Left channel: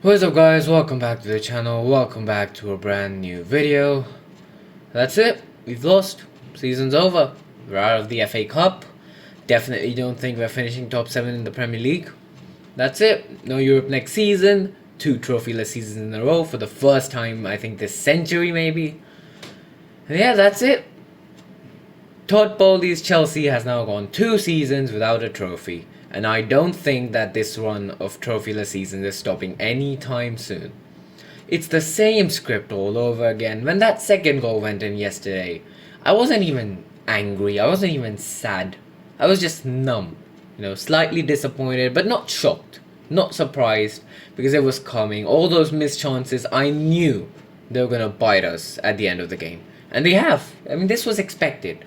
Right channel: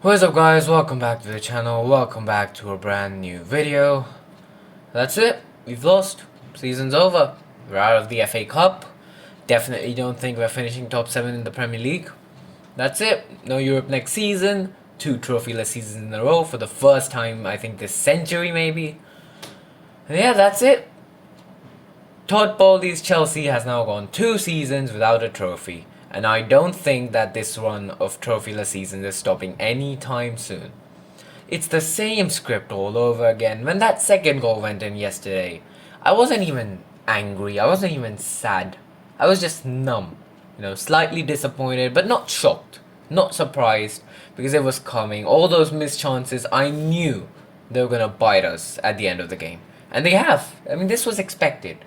What's up guys, welcome back to the channel, welcome back to a brand new video. That's it, we've lost, season's over, we're out of the FA Cup, definitely don't think we're finishing top 7 in the Premier League. That's it, no Europe next season, 2 trophyless seasons in a row for the first time I think this century maybe. And yeah, that's it. Todd Bowley's Chelsea has now gone 2 seasons without a trophy. And I don't think that this run of trophyless seasons is stopping anytime soon. It's the same script all over again. When that second goal went in yesterday, I wasn't even angry, I wasn't even sad. I was just numb. Slightly disappointed, but not shocked, not surprised, because it was coming. All those missed chances, I knew they were gonna bite us at the end of the game. And they have. I mean, this was expected.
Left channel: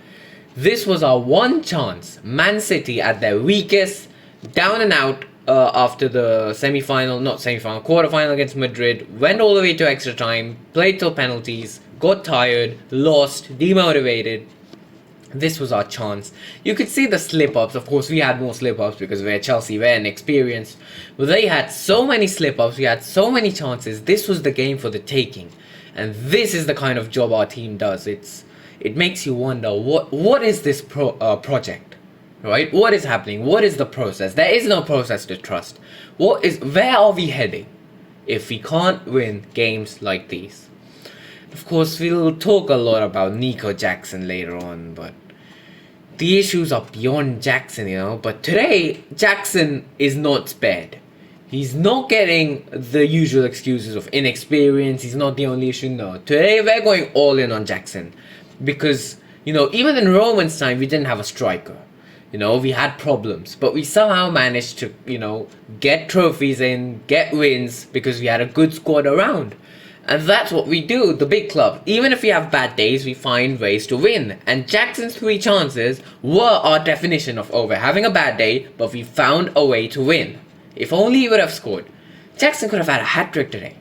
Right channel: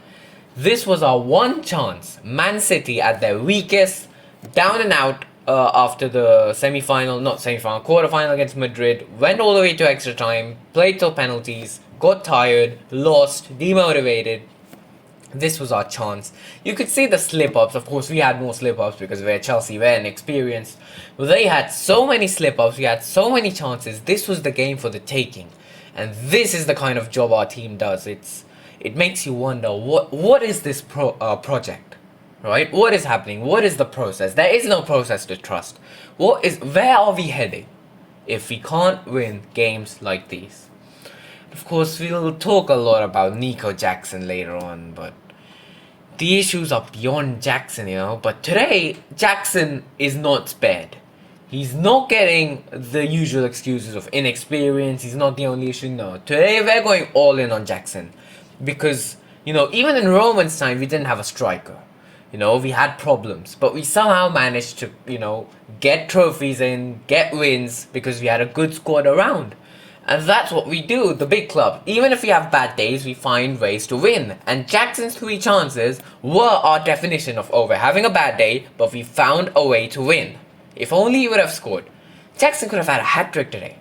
This was our one chance. Man City at their weakest, down and out after the quarter-final against Madrid, went all the way to extra time, played till penalties, got tired, lost, demotivated. This was our chance. You could see the slip-ups. Of course, we had more slip-ups because we're Chelsea, we're inexperienced. But they had so many slip-ups, we had so many chances. This was the game for the taking. And this is the kind of job our team does. It makes you wonder, what is this project? Right? What is happening? What is the process? There is no process to trust. Where are we heading if we can't win games like these? Of course, we'll talk a lot about Nico Jackson later on, but the issues are beyond Jackson, But today, Jackson is not spared. He's not getting the usual excuses of inexperience. He's not the only issue. No. Today, we're going all in on Jackson. Because, even in Roman's time, we didn't have a striker. We had problems, but we somehow managed to, get trophies in, get wins, because we had a good squad around. And that's what we do, the big club. Even if we have bad days, we find ways to win. And Jackson's 3 chances were our definition of, we're having a bad day, but we found a way to win. If only he would have scored. Jackson could have had a hat-trick today.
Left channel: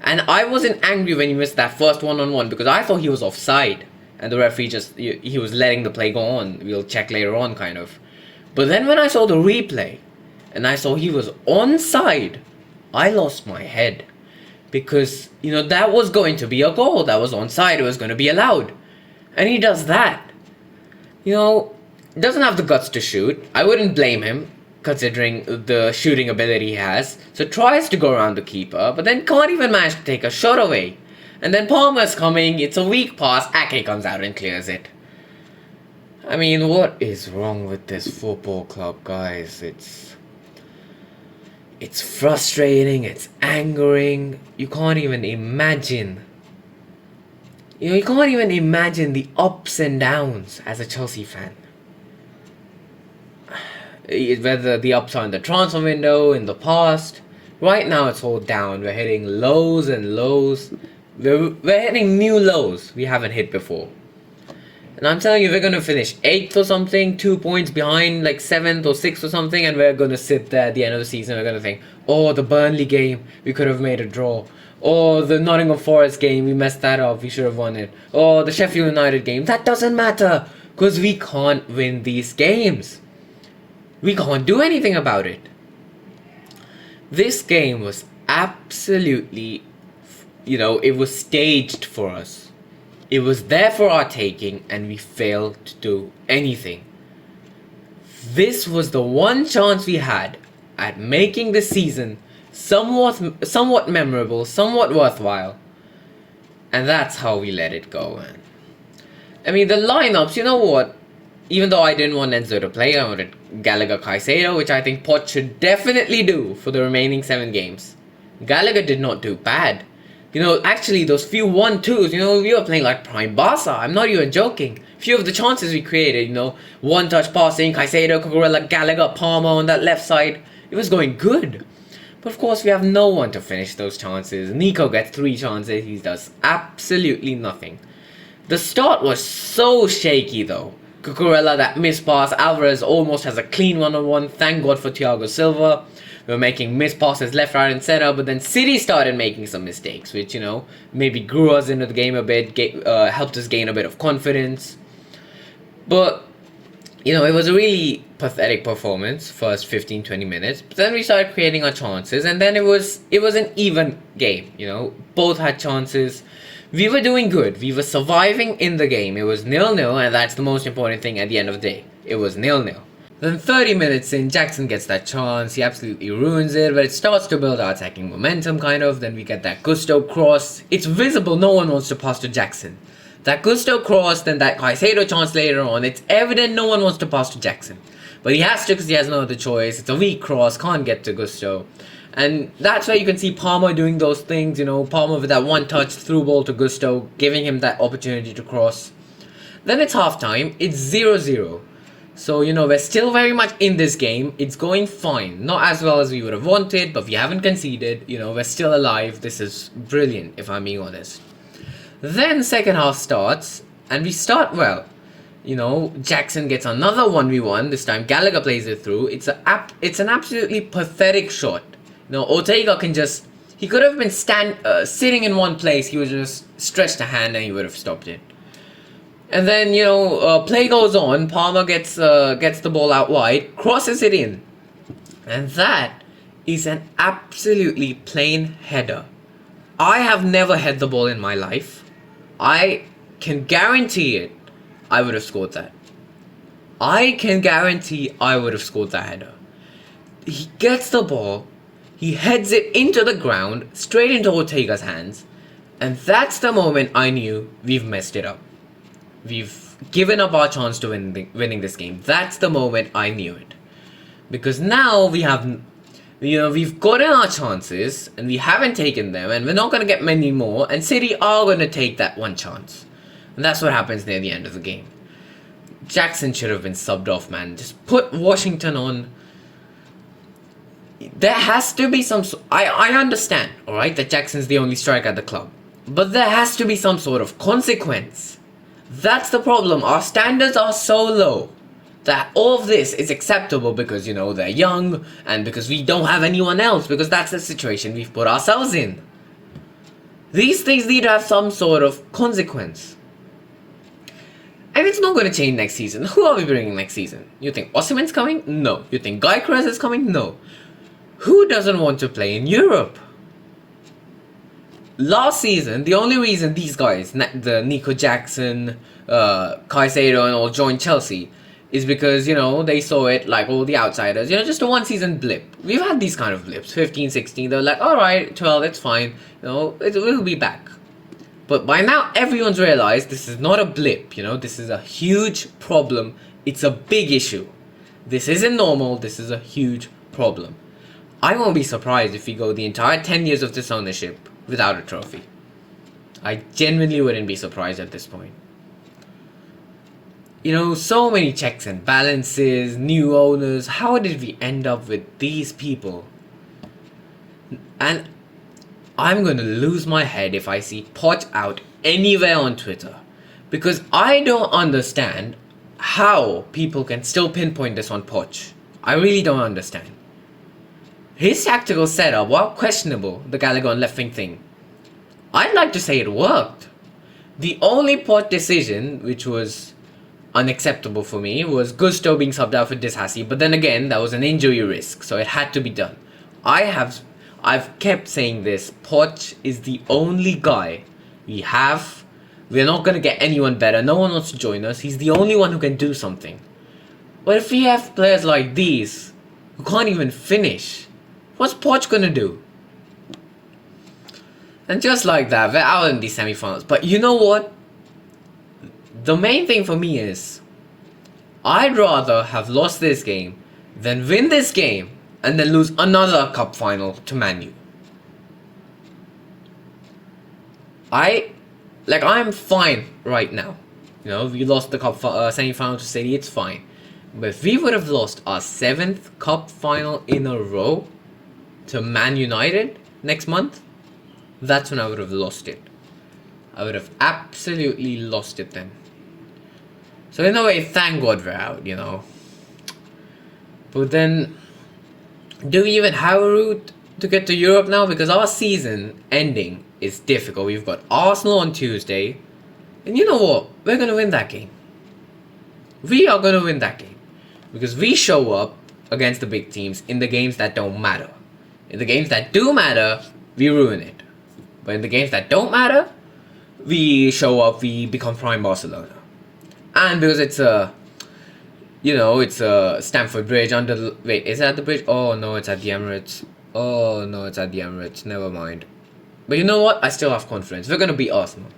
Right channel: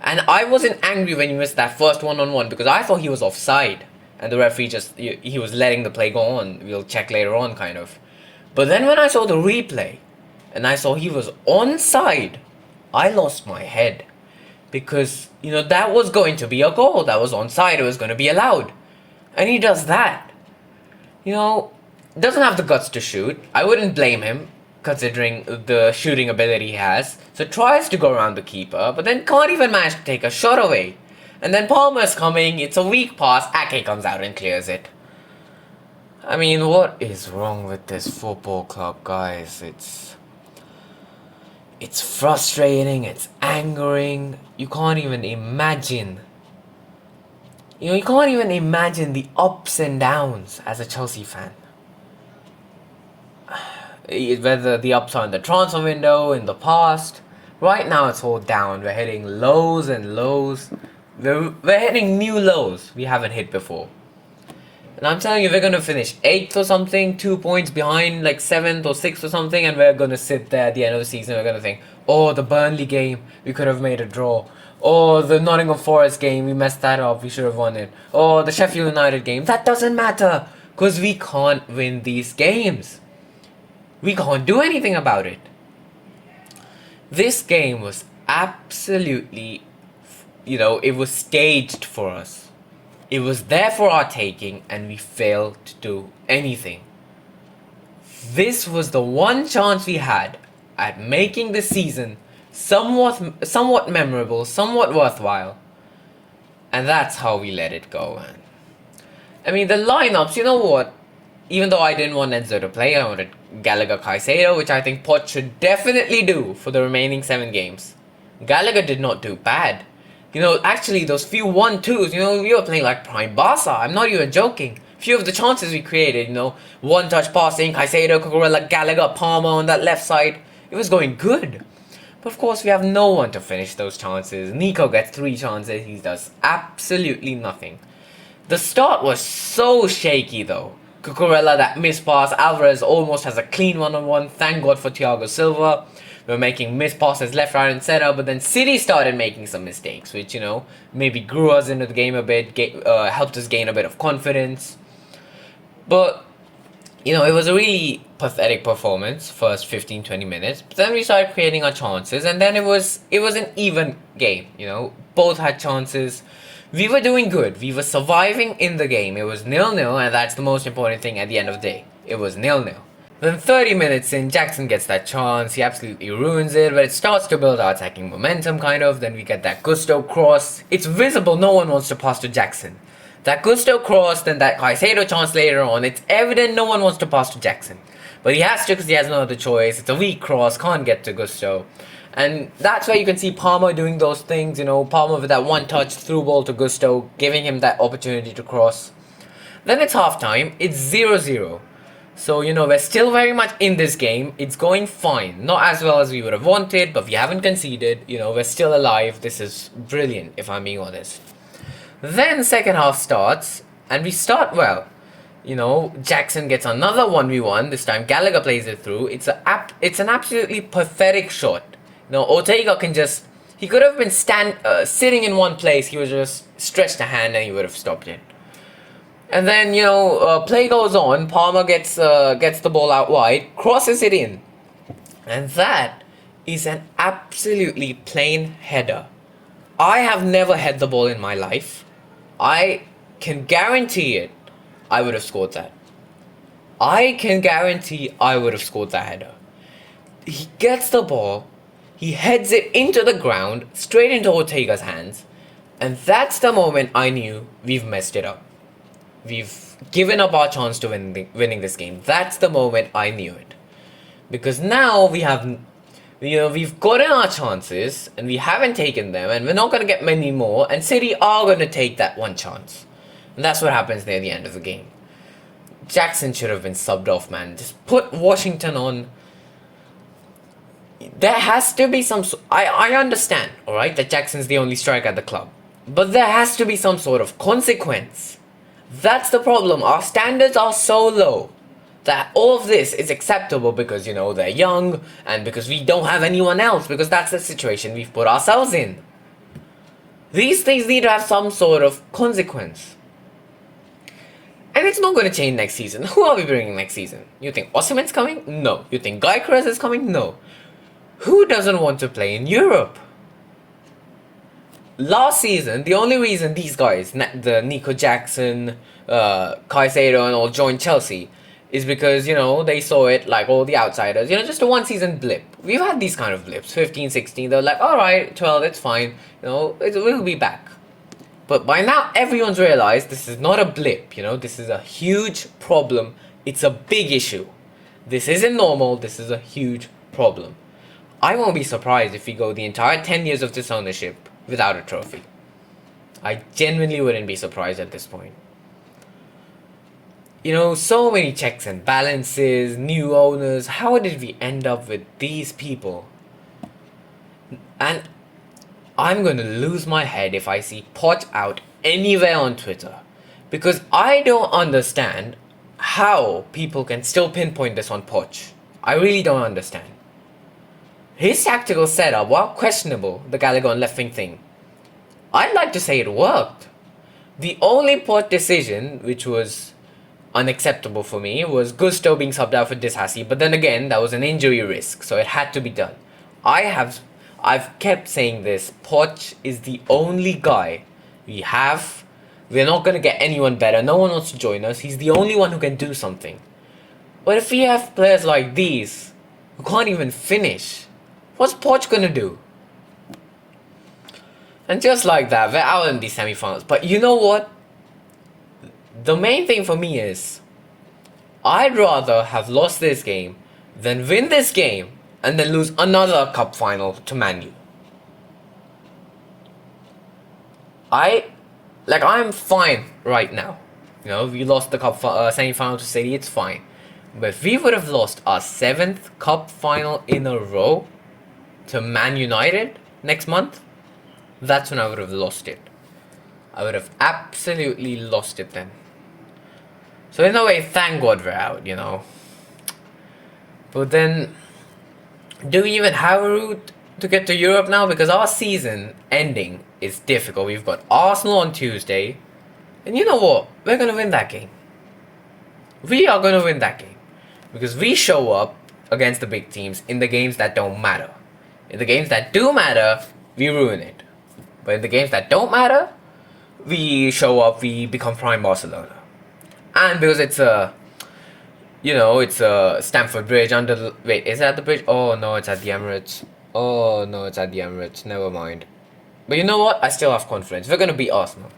And I wasn't angry when he missed that first one-on-one because I thought he was offside. And the referee he was letting the play go on. We'll check later on, kind of. But then when I saw the replay, and I saw he was onside, I lost my head. Because, that was going to be a goal. That was onside. It was going to be allowed. And he does that. Doesn't have the guts to shoot. I wouldn't blame him, considering the shooting ability he has. So tries to go around the keeper, but then can't even manage to take a shot away. And then Palmer's coming, it's a weak pass, Ake comes out and clears it. I mean, what is wrong with this football club, guys? It's frustrating, it's angering. You can't even imagine. You can't even imagine the ups and downs as a Chelsea fan. Whether the ups are in the transfer window, in the past. Right now it's all down. We're hitting lows and lows. We're hitting new lows we haven't hit before. And I'm telling you, we're going to finish 8th or something, 2 points behind, like 7th or 6th or something, and we're going to sit there at the end of the season. We're going to think, the Burnley game, we could have made a draw. The Nottingham Forest game, we messed that up, we should have won it. The Sheffield United game, that doesn't matter, because we can't win these games. We can't do anything about it. This game was absolutely, it was staged for us. It was there for our taking, and we failed to do anything. This was the one chance we had at making the season somewhat memorable, somewhat worthwhile. And that's how we let it go, man. I mean, the lineups, you know what? Even though I didn't want Enzo to play, I wanted Gallagher Caicedo, which I think Poch should definitely do for the remaining 7 games. Gallagher did not do bad. Actually, those few 1-2s, we were playing like prime Barca. I'm not even joking. Few of the chances we created, one-touch passing, Caicedo, Cucurella, Gallagher, Palmer on that left side. It was going good. But of course, we have no one to finish those chances. Nico gets 3 chances. He does absolutely nothing. The start was so shaky, though. Cucurella, that missed pass. Alvarez almost has a clean one-on-one. Thank God for Thiago Silva. We were making missed passes left, right, and center, but then City started making some mistakes, which, maybe grew us into the game a bit, helped us gain a bit of confidence. But, it was a really pathetic performance, first 15-20 minutes. But then we started creating our chances, and then it was an even game. Both had chances. We were doing good. We were surviving in the game. It was 0-0, and that's the most important thing at the end of the day. It was 0-0. Then 30 minutes in, Jackson gets that chance. He absolutely ruins it, but it starts to build our attacking momentum, kind of. Then we get that Gusto cross. It's visible no one wants to pass to Jackson. That Gusto cross, then that Caicedo chance later on. It's evident no one wants to pass to Jackson. But he has to because he has no other choice. It's a weak cross, can't get to Gusto. And that's where you can see Palmer doing those things, Palmer with that one-touch through ball to Gusto, giving him that opportunity to cross. Then it's halftime. It's 0-0. So, we're still very much in this game. It's going fine. Not as well as we would have wanted, but we haven't conceded. We're still alive. This is brilliant, if I'm being honest. Then second half starts, and we start well. Jackson gets another 1v1. This time Gallagher plays it through. It's an absolutely pathetic shot. Ortega he could have been sitting in one place. He would just stretch the hand and he would have stopped it. And then, play goes on. Palmer gets the ball out wide, crosses it in. And that is an absolutely plain header. I have never headed the ball in my life. I can guarantee it, I would have scored that. I can guarantee I would have scored that header. He gets the ball, he heads it into the ground, straight into Ortega's hands, and that's the moment I knew we've messed it up. We've given up our chance to winning this game. That's the moment I knew it. Because now we've gotten our chances, and we haven't taken them, and we're not going to get many more, and City are going to take that one chance. And that's what happens near the end of the game. Jackson should have been subbed off, man. Just put Washington on. There has to be some... I understand, alright, that Jackson's the only striker at the club. But there has to be some sort of consequence. That's the problem. Our standards are so low that all of this is acceptable because, they're young and because we don't have anyone else, because that's the situation we've put ourselves in. These things need to have some sort of consequence. And it's not going to change next season. Who are we bringing next season? You think Osimhen's coming? No. You think Gyökeres is coming? No. Who doesn't want to play in Europe? Last season, the only reason these guys, the Nico Jackson, Caicedo and all joined Chelsea is because, they saw it like all the outsiders, just a one season blip. We've had these kind of blips, 15, 16, they're like, alright, 12, it's fine, we'll be back. But by now, everyone's realized this is not a blip, this is a huge problem, it's a big issue. This isn't normal, this is a huge problem. I won't be surprised if we go the entire 10 years of this ownership without a trophy. I genuinely wouldn't be surprised at this point. So many checks and balances, new owners. How did we end up with these people? And I'm gonna lose my head if I see Poch out anywhere on Twitter. Because I don't understand how people can still pinpoint this on Poch. I really don't understand. His tactical setup, while questionable, the Gallagher on left wing thing, I'd like to say it worked. The only Poch decision, which was unacceptable for me, was Gusto being subbed out for Disasi, but then again, that was an injury risk, so it had to be done. I've kept saying this, Poch is the only guy we have. We're not going to get anyone better, no one wants to join us, he's the only one who can do something. But if we have players like these, who can't even finish, what's Poch gonna do? And just like that, we're out in the semi-finals. But you know what? The main thing for me is, I'd rather have lost this game than win this game and then lose another cup final to Man U. I'm fine right now. We lost the cup semi-final to City, it's fine. But if we would have lost our 7th cup final in a row to Man United next month, that's when I would have lost it. I would have absolutely lost it then. So in a way, thank God we're out, But then, do we even have a route to get to Europe now? Because our season ending is difficult. We've got Arsenal on Tuesday. And you know what? We're going to win that game. We are going to win that game. Because we show up against the big teams in the games that don't matter. In the games that do matter, we ruin it. But in the games that don't matter, we show up, we become prime Barcelona. And because it's a, it's a Stamford Bridge under the, wait, is that the bridge? Oh no, it's at the Emirates. Oh no, it's at the Emirates. Never mind. But you know what? I still have confidence. We're gonna beat Arsenal.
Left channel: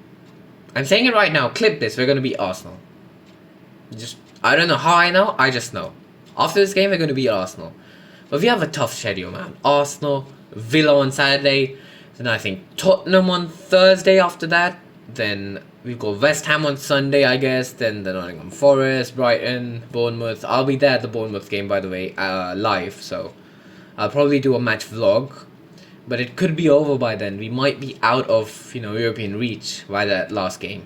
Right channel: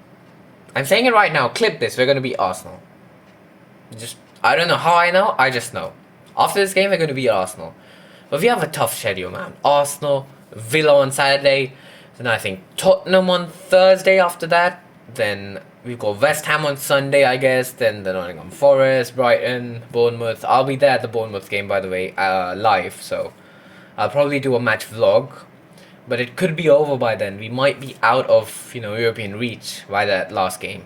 I'm saying it right now. Clip this. We're gonna beat Arsenal. I don't know how I know. I just know. After this game, we're gonna beat Arsenal. But we have a tough schedule, man. Arsenal, Villa on Saturday. Then I think Tottenham on Thursday after that. Then we've got West Ham on Sunday, I guess. Then the Nottingham Forest, Brighton, Bournemouth. I'll be there at the Bournemouth game, by the way, live. So I'll probably do a match vlog. But it could be over by then. We might be out of, European reach by that last game.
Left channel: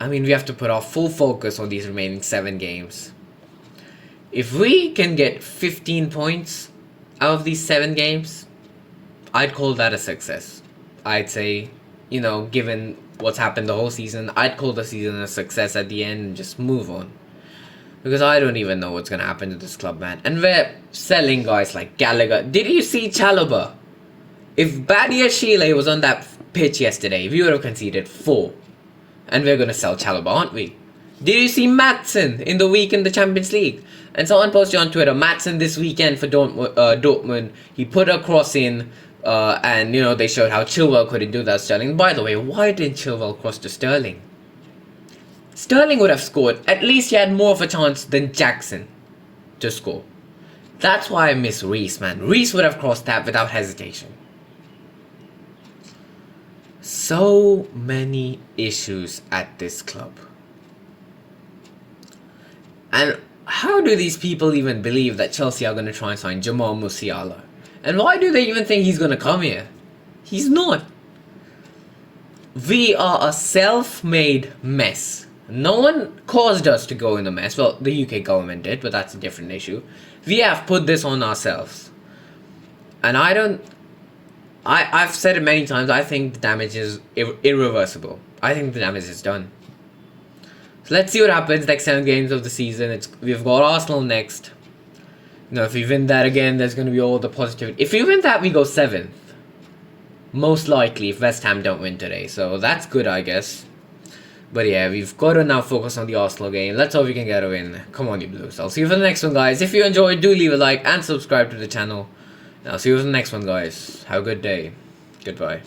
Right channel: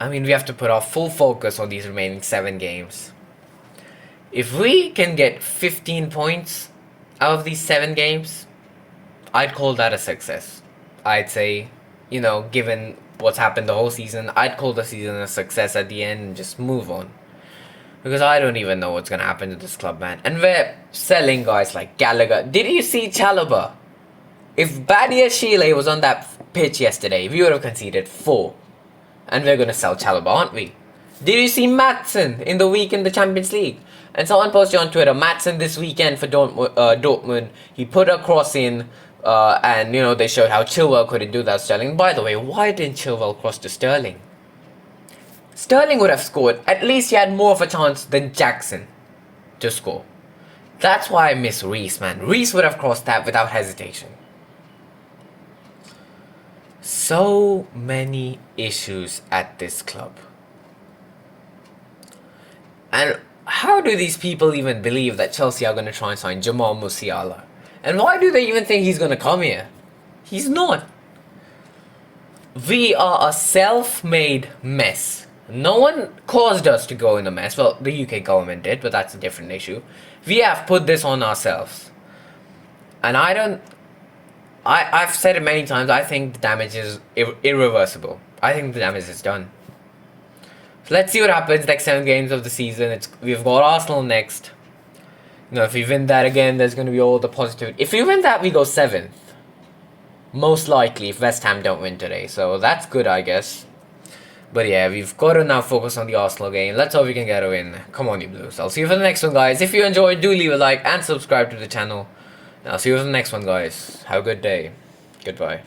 I mean, we have to put our full focus on these remaining 7 games. If we can get 15 points out of these 7 games, I'd call that a success. I'd say, given what's happened the whole season, I'd call the season a success at the end and just move on. Because I don't even know what's going to happen to this club, man. And we're selling guys like Gallagher. Did you see Chalobah? If Badiashile was on that pitch yesterday, we would have conceded 4. And we're going to sell Chalobah, aren't we? Did you see Maatsen in the week in the Champions League? And someone posted on Twitter, Maatsen this weekend for Dortmund, he put a cross in, and, they showed how Chilwell couldn't do that, Sterling. By the way, why didn't Chilwell cross to Sterling? Sterling would have scored. At least he had more of a chance than Jackson to score. That's why I miss Reece, man. Reece would have crossed that without hesitation. So many issues at this club. And how do these people even believe that Chelsea are going to try and sign Jamal Musiala? And why do they even think he's going to come here? He's not. We are a self-made mess. No one caused us to go in a mess. Well, the UK government did, but that's a different issue. We have put this on ourselves. And I've said it many times, I think the damage is irreversible. I think the damage is done. So let's see what happens next 7 games of the season. We've got Arsenal next. If we win that again, there's going to be all the positivity. If we win that, we go 7th. Most likely, if West Ham don't win today. So that's good, I guess. But yeah, we've got to now focus on the Arsenal game. Let's hope we can get a win. Come on, you Blues. I'll see you for the next one, guys. If you enjoyed, do leave a like and subscribe to the channel. I'll see you for the next one, guys. Have a good day. Goodbye.